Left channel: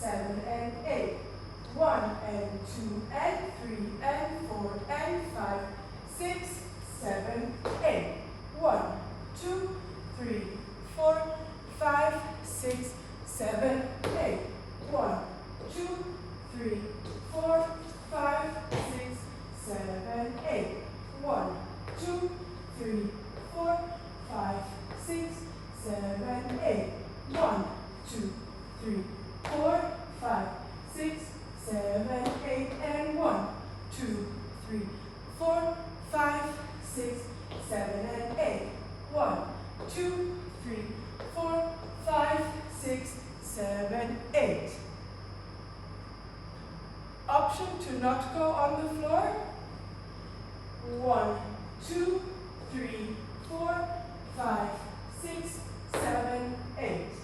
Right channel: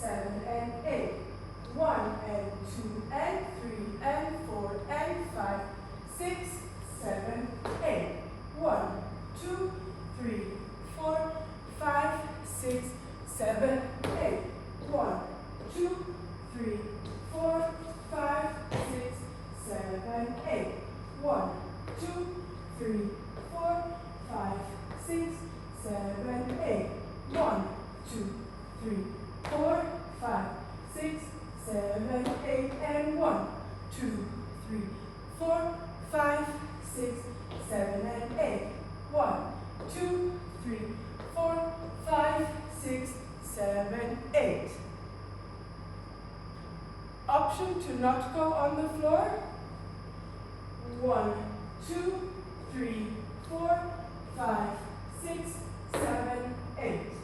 7 and 8. 1 and 2 and 3 and 4 and 5, 6, 7, 8. 1, 2, 3, 4, 5, 6, 7, 8. 1, 2, 3, 4, 5, 6, 7, 8. 1, 2, 3, 4, 5, 6, 7, 8. 1, 2, 3, 4, 5, 6, 7, 8, and 1, 2, 3, 4, 5, 6, 7, and 8. 1, 2, 3, 4, 5, 6, 7, 8. Option to not go on the floor. 1, 2, 3, 4, 5, 6, 7, 8.